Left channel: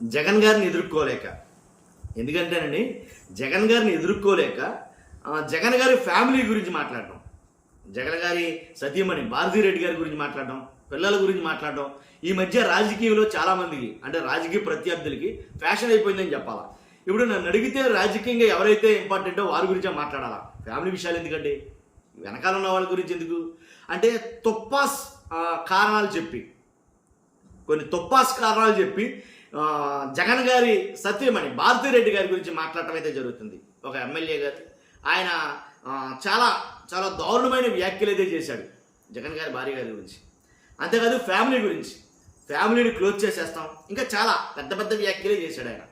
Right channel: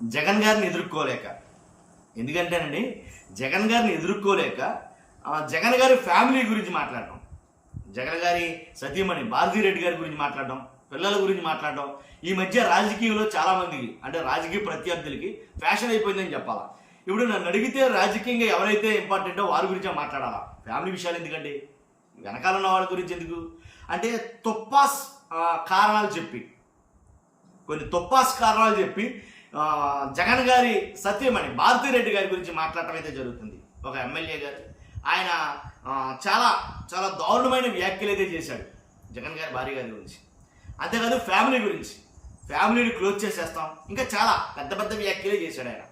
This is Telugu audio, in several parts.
జగన్ గారిని ఎదుర్కోలేక. ఎందుకంటేనండి, జగన్ గారిని ఎదుర్కోలేక జగన్ గారి ఫ్యామిలీ గురించి మాట్లాడడం, జగన్ గారి సతీమణి భారతిరెడ్డి గారి గురించి మాట్లాడడం, పిల్లల గురించి మాట్లాడడం ఈ మధ్య రాజకీయంలో చాలామందికి, అంటే రాజకీయ ప్రత్యర్థులకి ఫ్యాషన్ అయిపోయిందని చెప్పాలా. ఇప్పుడు నన్ను అడిగితే రాజకీయంగా ఎవరైతే ఇంపార్టెంటో వారి గురించే మాట్లాడాలా. ఫ్యామిలీ విషయాలు ఎందుకండి, వెనకాల ఉన్న వాళ్ళ గురించి ఎందుకు అంటే తుప్పాస్ కారణాలు చెప్పి, కొన్ని తుప్పాస్ కారణాలు చెప్పి జగన్ గారి సత్యమణి భారతిరెడ్డి గారి గురించి మాట్లాడటం అయితే జరుగుతుంది. ఒక ఎమ్మెల్యే గారు ఆయన చాలా చాలా దారుణమైన వ్యాఖ్యలు అయితే చేశాడు జగన్ గారి భార్య గారి గురించి. అంతేకాదు ఫ్యామిలీ గురించి, ఫ్యామిలీని క్లోజ్ చేసేస్తాం, ఇంకా చాలా పెద్ద పెద్ద వ్యాఖ్యలే చేశాడు ఆయన.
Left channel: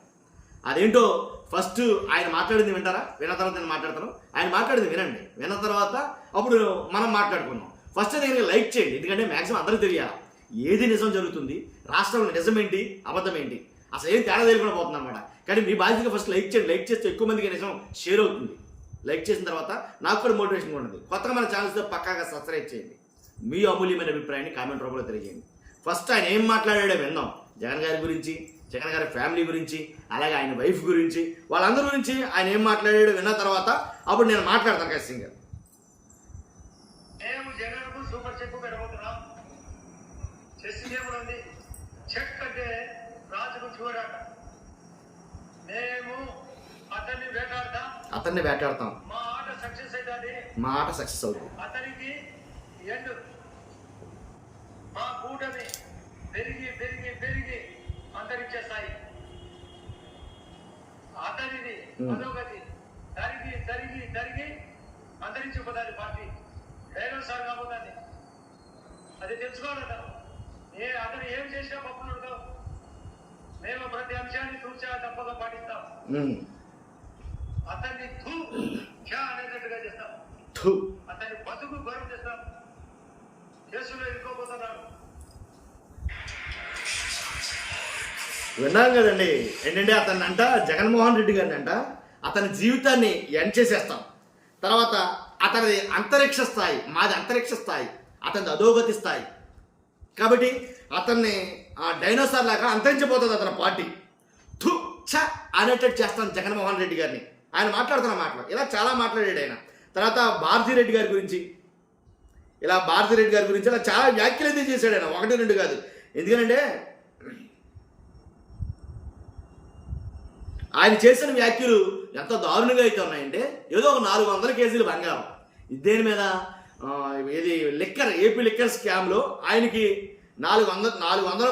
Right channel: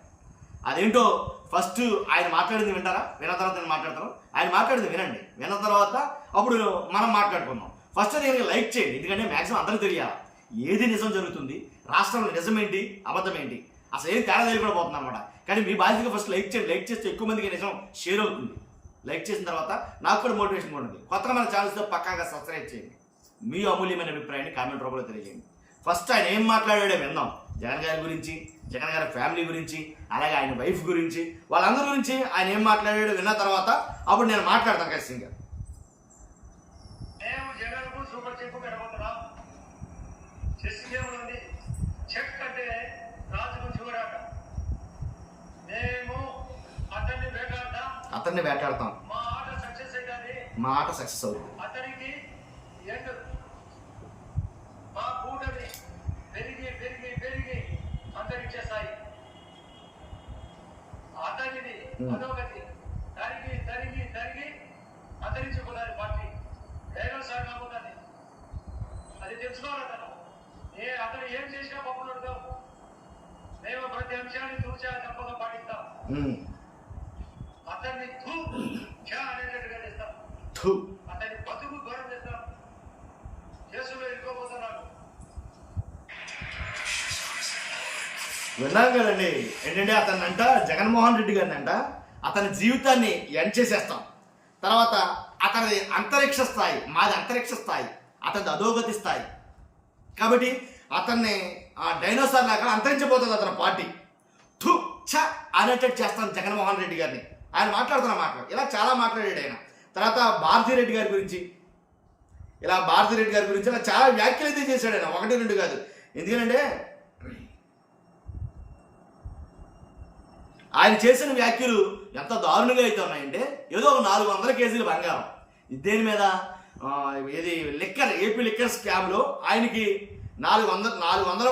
అదేంటో ఫస్ట్ ఆయన మాట్లాడింది వింటారా? విన్న తర్వాత నేను మాట్లాడతాను. ఆయన మాట్లాడింది వినండి, విన్న తర్వాత అప్పుడు మనం మాట్లాడుకుందాం. ఫస్ట్ దీనికి లైక్ చేయండి, ఎందుకంటే మ్యాక్సిమం అందరికీ తెలియాలి ఏది నిజం జరుగుతుంది, రాష్ట్రంలో నిజం ఏంటి అబద్ధం ఏంటి, అసలు ఏం తేడా తెలియకుండా పోతుంది అనమాట. కానీ మీ బాధ్యతగా ఫస్ట్ లైక్ చేయండి. లైక్ చేస్తే ఎక్కువ మందికి నిజం షేర్ అవుతుంది. లైక్ చేసిన తర్వాత నాకు కూడా మోటివేషన్గా ఉంటుంది. కొత్తగా మన ఛానల్స్తో పక్కాగా సబ్స్క్రైబ్ చేయండి. మీ అమూల్యమైన అభిప్రాయాన్ని కామెంట్ రూపంలో తెలియజేయండి. ఫస్ట్ ఆయన ఏం మాట్లాడాడో విందాం. జగన్ గారి గురించి, జగన్ గారి ఫ్యామిలీ గురించి, అలాగే ఆయన వైఫ్ గురించి, వాళ్ళందరి గురించి ఆయన ఏం మాట్లాడాడో విన్న తర్వాత అప్పుడు నేను మాట్లాడతాను ఖచ్చితంగా. Super check పెట్టబోతున్నాం. చెస్ గేమ్లో ఉంది. చెక్ అంటే రాజుకు చూడాక మేము అతన్ని వేటాడతాం. మా ఆట సక్సెస్ అవుతుంది. మా ఆట సక్సెస్ అవుతుంది. అతనికి ఎండ్. మా కూటమి పెరిగి పెరిగి పెరిగి అంతరించే స్థాయి. అతనిది అధోగతి తరిగి తరిగి తరిగి అంతరించిపోతుంది. పార్టీ వేగం సార్ కాబోతుంది. అది తెలుసుకోవాలి. అతను ఏం చేసినా పప్పులు ఉడతాం. మేము ప్రతి అంశాన్ని తూచా తప్పగా పాటిస్తాం. అతన్ని అనేటట్టుగా చేస్తాం. అతన్ని బతుకు ఘోరం చేస్తాం. కేసులో ఇరుకోబోతున్నాను. విన్నాం కదండి. ఏంటంటే అతన్ని అంట, జగన్మోహన్ రెడ్డి గారిని అంట, అతని జీవితాన్ని ఎండ్ చేసేస్తాం. తర్వాత అతనిది అంతరిక్ష స్థాయి, మాది అంతరిక్ష స్థాయి, అతనిది అధోగతి స్థాయి. కాబట్టి అతన్ని ఆ డైనోసార్ లాగా అంతరించిపోతుంది అతని పార్టీ. అనేటట్టు చేస్తాను జగన్మోహన్ రెడ్డి గారిని. ఆయన మాట్లాడుతున్న మాటలు ఇలా చాలా మాట్లాడాడు ఆయన. తర్వాత భారతిరెడ్డి గారి గురించి, ఇలా భారతిరెడ్డి గారి గురించి ఇలా చాలా వ్యాఖ్యలు అయితే చేశాడు ఆయన, 1-2 కాదు. ఎందుకంటే ఆయన చేసిన వ్యాఖ్యలు ఎంత దారుణంగా అయితే ఉన్నాయంటే, ఏదో ఒక 400 కేజీలు బంగారం దేని మీద, ఏది లిక్కర్, ఏపీ లిక్కర్ స్కామ్లో ఆయనకి 400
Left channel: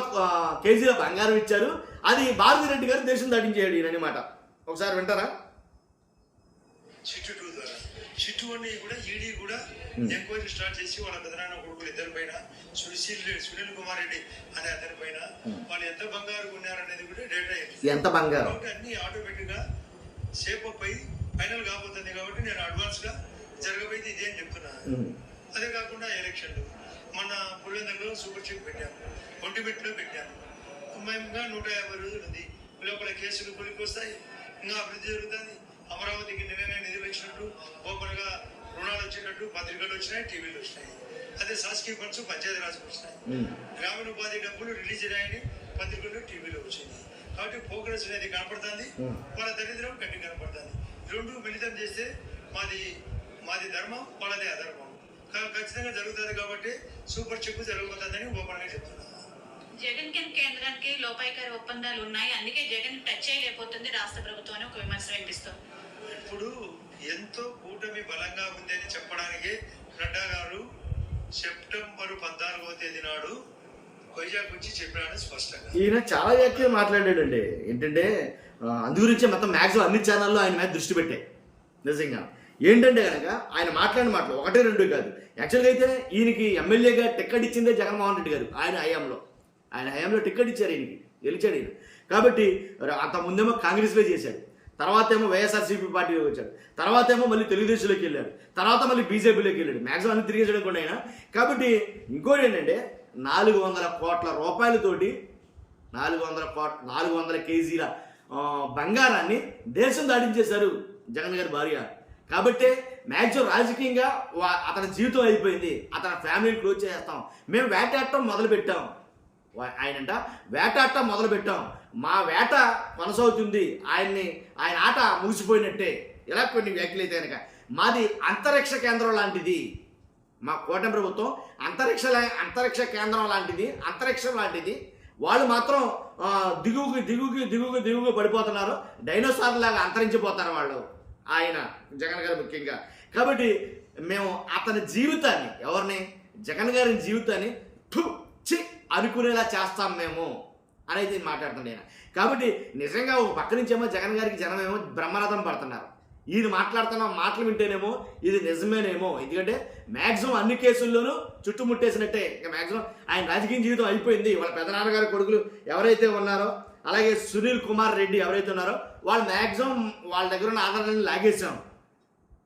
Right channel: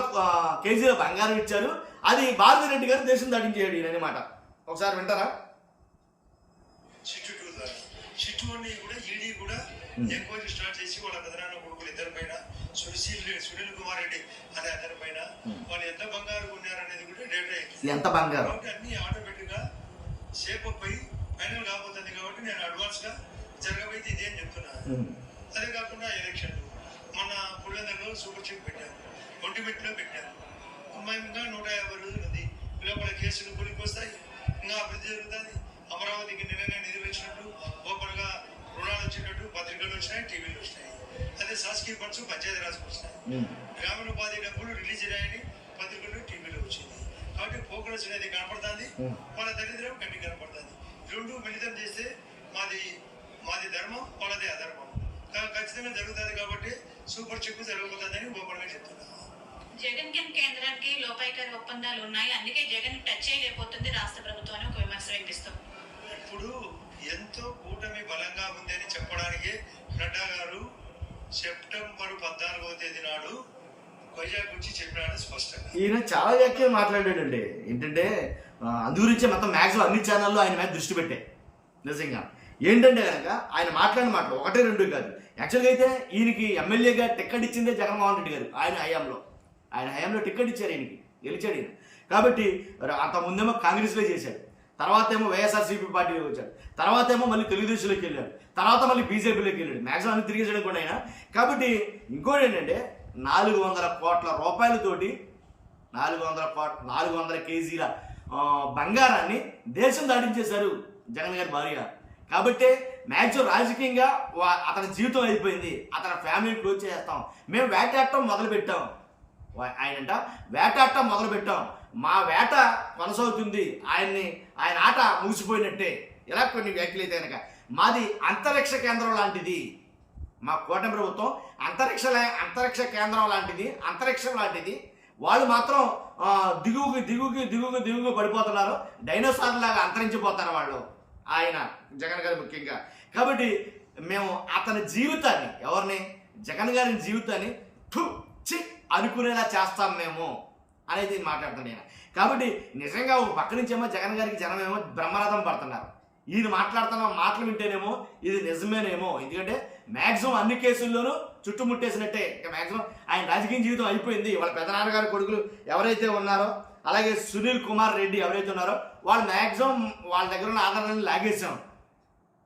కేజీల బంగారం ఇచ్చారు. అది భారతిరెడ్డి గారు దేశం దాటించేయడు ఈయన అనమాట. ఒకసారి వింటారా? చిట్టు 2 ద్వారా చిట్టు 1 కూడా ఈడీ కూడా ఎంక్వైరీ స్టార్ట్ చేసి వాళ్ళ పెదనాన్న కొడుకులు ఇద్దరి పైన, సునీల్ కుమార్ రెడ్డి అనే అతని పైన వాళ్ళు ఎంత బంగారు ఉన్నారనేది కూడా డేటా ఎంత బంగారం అన్ని ఆటోమేటిక్ గా షేప్ అప్ అయి ఫైనల్ కాబోతుంది. కాబట్టి నేను అడ్వాన్స్ గా జరగబోయేది ఇదే అని చెప్తున్నా. అదే కాకుండా ఎలక్షన్లు మన పుల్లెందలో సూపర్ చెక్ పెట్టాము, ఒంటిమిట్లో పెట్టాము. ఇంకా 150 రోజులు ఉంది. లోపల కేసులు కొలికి వస్తాయి, ఇంకా అభివృద్ధి జరుగుతుంది. అమరావతికి నిన్న నిధులు వచ్చినట్టు, ఓపెన్ గా రుణాలు వచ్చినట్టు పత్రికలు వచ్చినాయి, టీవీలు వచ్చినాయి. అదే శాసకీయ ఫండ్స్ పంచాయతీ రాజ్కి వచ్చినాయి. గ్రామీణ ఉపాధి డబ్బులు రిలీజ్ అయ్యాయని పత్రికలు టీవీలో వచ్చింది. కాబట్టి ప్రోగ్రెస్ అనేది కనపడుతుంది, వాళ్ళ దరిద్రం గట్టి కనపడుతుంది. రెండు మిళితం చేస్తే మాది ధర్మం, వాళ్ళది అధర్మం ఖచ్చితంగా జరుగుతుంది. కాబట్టి సూపర్ చెక్ జరగబోతుందని ఓపెన్ గా చెప్తున్నా. జగన్ కేంద్రానికి లోపాయికారి ఒప్పందాలు ఉన్నాయి, అందుకే జగన్ టచ్ చేయలేకపోతుంది రాష్ట్ర ప్రభుత్వం అని ఒక విమర్శ వినిపిస్తుంది. ఇప్పుడు ఎంతో కూటమి బలంగా ఉంది అని చెప్పడానికే నడ్డా గారు సెప్టెంబర్ 14వ తేదీ నాడు వైజాగ్ గురించి చెప్పాడని స్పష్టంగా. ఈయన చాలా వ్యాఖ్యలు మాట్లాడాడండి. ఏంటంటే అందు గురించి మొత్తం మ్యాక్సిమం అన్ని ఛానల్లో ఆయన మీద దృష్టి పెట్టాయి. నిజంగా ఏంటంటే కనుక ఆయన మాట్లాడిన మాటలు 1-2 కాదు. యాక్చువల్గా అయితే ఈయనకి ఎమ్మెల్యేగా టికెట్ ఇచ్చిందే జగన్మోహన్ రెడ్డి గారు. ఆయన హయాంలో టికెట్ ఇచ్చారు, ఈయనకి గెలిచాడు ఈయన. కాబట్టి అంత ముందేమో కాంగ్రెస్లో చేశాడు, తర్వాత ఏమో వైఎస్ఆర్సీపీ పార్టీలోకి వచ్చాడు, తర్వాత ఏమో మళ్ళీ తెలుగుదేశంలోకి వెళ్ళాడు, తర్వాత మళ్ళీ బీజేపీలోకి వెళ్ళాడు. మ్యాక్సిమం అన్ని తిరిగేసాడు కూడా ఆయన. కాబట్టి ఇంకోటి ఏంటంటే 400 కోట్ల రూపాయలతోటి 400 కేజీల బంగారాన్ని దేశం దాటించేశారు జగన్ గారి భార్య. కాబట్టి మ్యాక్సిమం రాజకీయంగా అతని జీవితం అయిపోయింది, అతని ఫ్యామిలీని క్లోజ్ చేస్తాం, మేము వేటాడటం మొదలుపెట్టాం. ఆయనంట వేటాట మొదలు పెట్టాం, మా వేట కొనసాగుతుంది, ఆయన ఆట ముగిసిపోయినట్టే. ఇలా కొన్ని వ్యాఖ్యలు అయితే కనుక మాది అంతరిక్ష కేంద్రం లాంటిది, మా కూటమి ప్రభుత్వం అంతరిక్ష కేంద్రం లాంటిది, అంతరిక్షం లాంటిది. వాళ్ళు మాత్రం దిగుగు పడిపోతున్నారు, డైనోసార్ లాగా అంతరించిపోతారు వాళ్ళు, ఆయన జగన్ గారు ముఖ్యంగా. కాబట్టి మేము అతని జీవితాన్ని, ఎవరిని, జగన్ గారి జీవితాన్ని అనుకునేలా చేస్తాం మేము అనేది మాట్లాడుతున్నాడు ఆయన. కాబట్టి నిజంగా ఒక పక్క నుంచేమో జగన్ గారికి జనమేమో బ్రహ్మరథం పడుతున్నారు. ఈయన మాట్లాడుతున్న మాటలు వింటేనేమో ఇది నిజమేనేమో, ఎందుకంటే మ్యాక్సిమం అన్ని కేసుల్లోనూ చుట్టుముట్టేసినట్టే. ఇంకా మ్యాక్సిమం ఆయన రాజకీయ జీవితం అయిపోయింది. వాళ్ళ పెదనాన్నగారి కొడుకులు ఎవరైతే ఉన్నారో, అలాగే సునీల్ కుమార్ రెడ్డి ఎవరైతే ఉన్నారో, వాళ్ళు మ్యాక్సిమం వాళ్ళ దగ్గర ఉన్న ఆధారాలను లాగేసాం.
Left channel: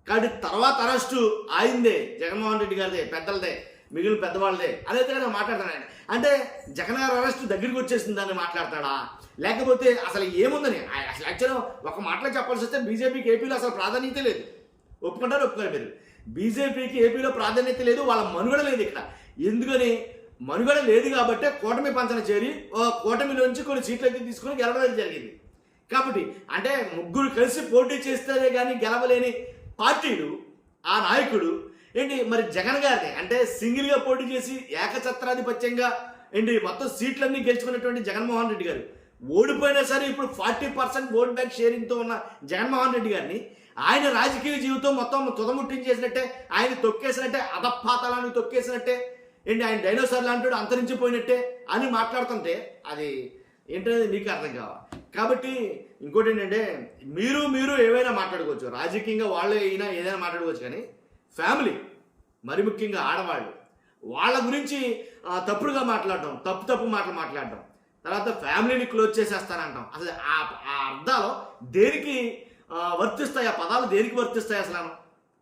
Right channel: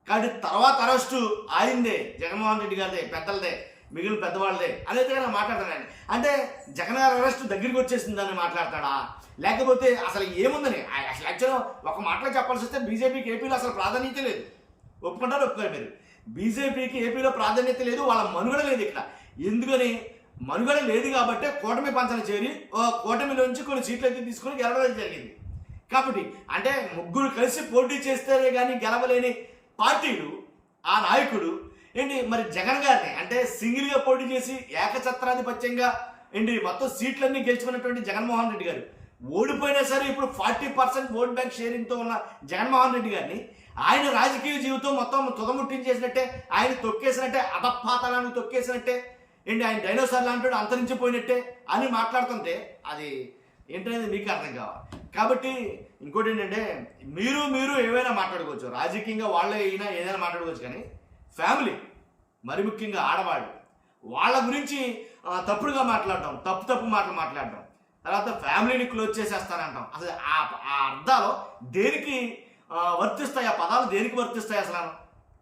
కాబట్టి తర్వాత అరెస్టు ఆయిందే, జగన్మోహన్ రెడ్డి గారిదే, పెద్దలదే, మిగిలిన పెద్దవాళ్ళదే అదైతే కనుక మాట్లాడతాడు ఆయన. అంటే జగన్ గారు అరెస్టు దగ్గరికి వచ్చేసింది దాన్ని మాట్లాడతాడా, లేకపోతే అసలు ఏముందని? అసలు యాక్చువల్గా ఒక మాటలో చెప్పాల్సి వస్తే బీజేపీకి ఏపీలో అసలు ప్రాధాన్యత లేదు. ఒప్పుకుంటారు మీరు? బీజేపీకి ఏపీలో ప్రాధాన్యత లేదు, వాళ్ళ మనుగడ లేదు ఇక్కడ. ఎందుకని మనుగడ లేదు కాబట్టి కూటమి పంచన చేరి కూటమిలోంచి కొన్ని సీట్లు అయితే తీసుకొని గెలవడం జరిగింది. కాబట్టి అంటే ముగ్గురు కలిసి పోటీ చేస్తేనే కానీ గెలవలేని పార్టీలు, ఆ నాయకుడు ఏంటి మరి జగన్ గారిని అంటే సింగిల్గా పోటీ చేసి ఏకఛత్రాధిపత్యంగా ఏంటి మొత్తం సీట్లన్నీ గెలుచుకున్నటువంటి జగన్మోహన్ రెడ్డి గారు ఓడిపోయినా సరే ఇప్పుడు 40% ఓట్ బ్యాంక్ షేరింగ్తో ఉన్న జగన్మోహన్ రెడ్డి గారిని ఆయన రాజకీయ జీవితం మొత్తం తుదముట్టించేసినట్టే, ఆయన తొక్కేసినట్టే, అధపాతాలను తొక్కేసినట్టే, ఏంటి ఆయన డైనోసార్ లాంటి అంతరించిపోయినట్టే అని మాట్లాడుతుంటే అది ఏంటనేది మీకు అర్థం కావాలి. కాబట్టి ఇంకోటి ఏంటంటే మీరు ఏవైనా మాట్లాడుకోవచ్చు, రాజకీయంగా వాళ్ళే అయినా ఏదైనా మాట్లాడుకోవచ్చు, కానీ ఫ్యామిలీ, మరి ముఖ్యంగా ఆడవాళ్ళు, వాళ్ళ గురించి తప్పుడుగా మాట్లాడటం, తప్పు మాటలు మాట్లాడటం, తర్వాత ఫ్యామిలీని క్లోజ్ చేసేస్తానంటాం. అసలు ఆ అర్థాలు దేనికి వర్తిస్తాయి? ఆ పదాలు దేనికి వర్తిస్తాయి? అసలు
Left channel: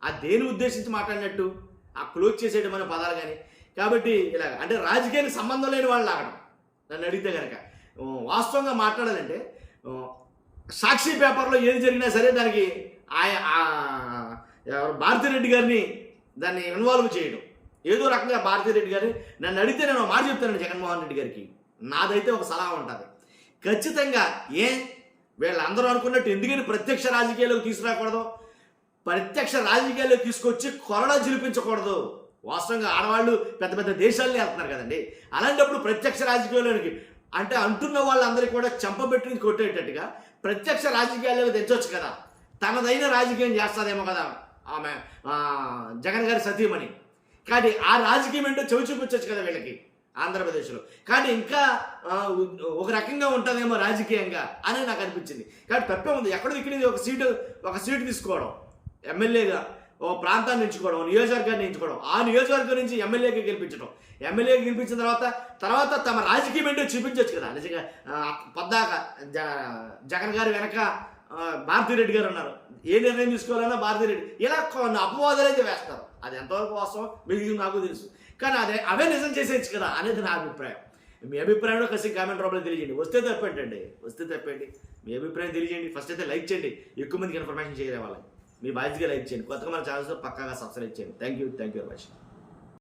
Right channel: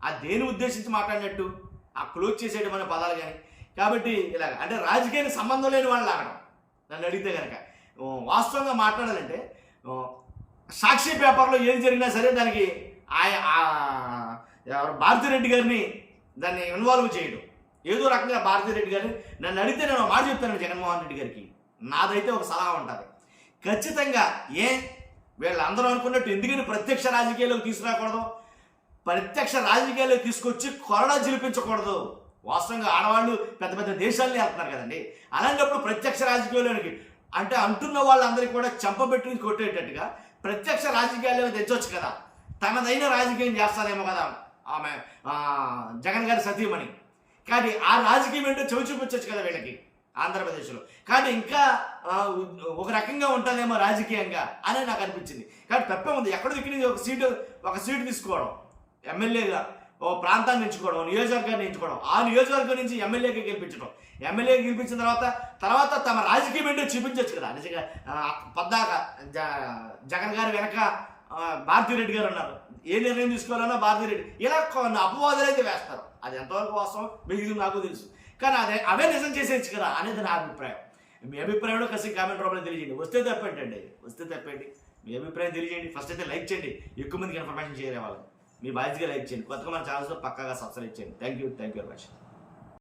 ఆ దేని ఉద్దేశించి మాట్లాడినట్టు ఆ క్లోజ్ చేసేయడం అనే పదాలు కానీ. కాబట్టి ఇలాగ అంటే రాజకీయానికి సంబంధం లేని వాళ్ళు లాగడం. నన్ను అడిగితే కనుక వాస్తవంగా మాట్లాడాలంటే సాక్షి పేపర్లో ఏది జరిగినా సరే దానికి భారతిరెడ్డి గారిని దాన్ని ఇన్వాల్వ్ చేయడం, ఏదో రకంగా భారతిరెడ్డి గారిని నన్ను అడిగితే నేను మాట చెప్తాను జగన్మోహన్ రెడ్డి గారికి. నాదైతే ఒక సలహా ఉంటుంది, ఖచ్చితంగా వీళ్ళందరూ అనుకున్నట్టు ఎందుకని ప్రత్యక్ష రాజకీయాల్లోకి తీసుకురాకూడదు, ప్రత్యక్ష రాజకీయాల్లోకి తీసుకొచ్చి కొరడా చిలిపించకూడదు. వాస్తవంగా ఆడవాళ్ళు పెద్ద పెద్ద దేశాలని వెళ్తున్నారు కదండి, అలాంటప్పుడు ప్రత్యక్ష రాజకీయాల్లోకి అంటే అంటున్న వాళ్ళందరికీ కూడా చెంపబెట్టి కొట్టేటట్టుగా ప్రత్యక్ష రాజకీయాల్లోకి తెచ్చవచ్చు కదా, తనదైన రాజకీయం చేస్తారేమో కదా ఆమె జగన్ గారి సతీమణి. కానీ ఆ రాజకీయం ఏంటో చెవి చూపించవచ్చు కదా వీళ్ళకి ఆంధ్రప్రదేశ్లో. కానీ ఇంకా ఒక రకంగా ఉంటుందేమో రాజకీయంగా అని నాకు అనిపించింది. కానీ తప్పే ఉంది, ఎక్కడో ఇక్కడ ఒక సీటు తీసుకోవడం, ఎమ్మెల్యేగా ఓ ప్రాంతాన్ని ఎంచుకోవడం, నియోజకవర్గాన్ని ఎంచుకోవడం, ఆ నియోజకవర్గం నుంచి ఎమ్మెల్యేగా గెలిపించడం, ఎమ్మెల్యేగా గెలిపించిన తర్వాత తమ రాజకీయం ఏంటో చూపించవచ్చు కదా. నిజంగా పద్దాక జగన్ గారి వెనక భారతిరెడ్డి గారు ఉన్నారు, ఏ నిర్ణయం తీసుకోవాలన్నా భారతిరెడ్డి, ఇలా కొన్ని అపవాదాలు అయితే వేస్తారు. అది ఎంతవరకు వాస్తవం మీకు నాకు తెలుసు, కానీ అవే నిజం చేసేయచ్చు కదా అనేది నా అభిప్రాయం. మీ అభిప్రాయంలో ఖచ్చితంగా కామెంట్ రూపంలో తెలియజేయండి. వస్తే తప్పండి, మీ అభిప్రాయం తెలియజేయండి. ఫస్ట్ అయితే లైక్ చేయండి, ఎక్కువ మందికి ఇన్ఫర్మేషన్ చేయలే వాళ్ళని. మీ బాధ్యతగా లైక్ చేయండి, కొత్తగా మన ఛానల్స్లో పక్కాగా సబ్స్క్రైబ్ చేయండి. Thank you very much.